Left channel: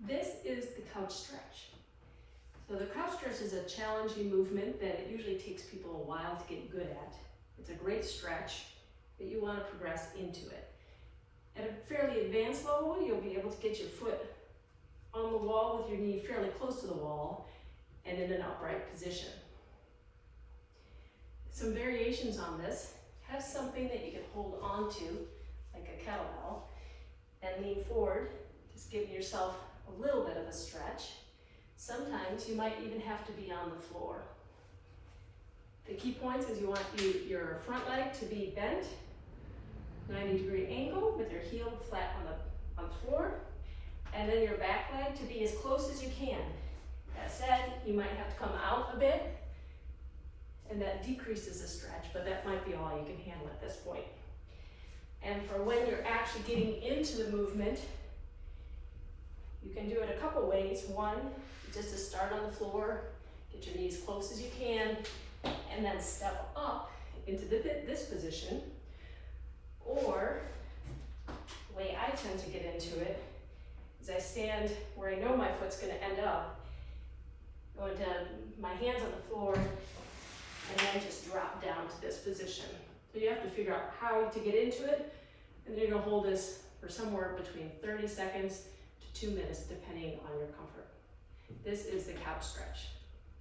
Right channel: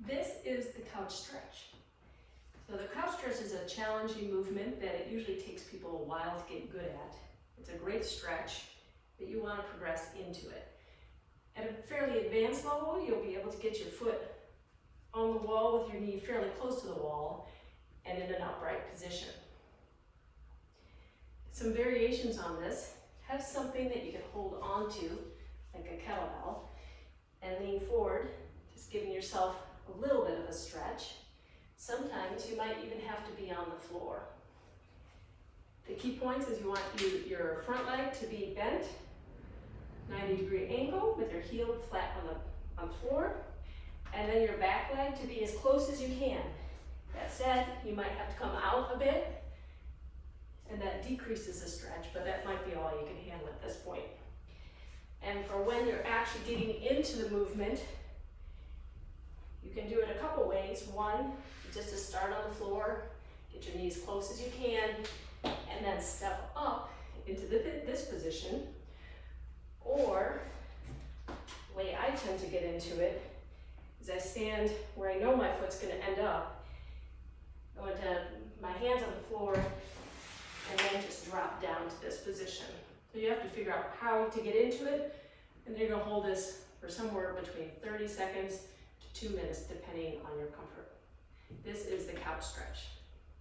This is the couch stretch. So the couch stretch is a challenging movement that it usually takes people a while to get good at. It's a great stretch, but you want to progress into it. At a fairly advanced level, you'll be able to get your foot on the wall with your knee fairly close to the wall and in an upright position. Some variations on this: have something that you can hold on to, like a kettlebell, and lean forward, just giving yourself a little bit of a stretch. Sometimes you might even have to be on the floor. The key points is you want your front leg to be bent, 90-degree angle with your heel flat on the floor, and then your back leg to be as close as you can. That said, you might have to come out a bit, and that decreases the stretch, but that might be all you can handle at this point. And for when you're actually getting into the movement, you can do it a couple ways. One, just to start on the floor, get your knees close as you can, and then step up into this position. Or, the way I tend to get into it is I stand where I know my foot's going to end up, go into my hands on the floor, and then just drop down to this position. So you have to figure out how to get into it, and then you're going to hold this for somewhere between 30 seconds to 2 minutes, depending on your comfort. This is the couch stretch.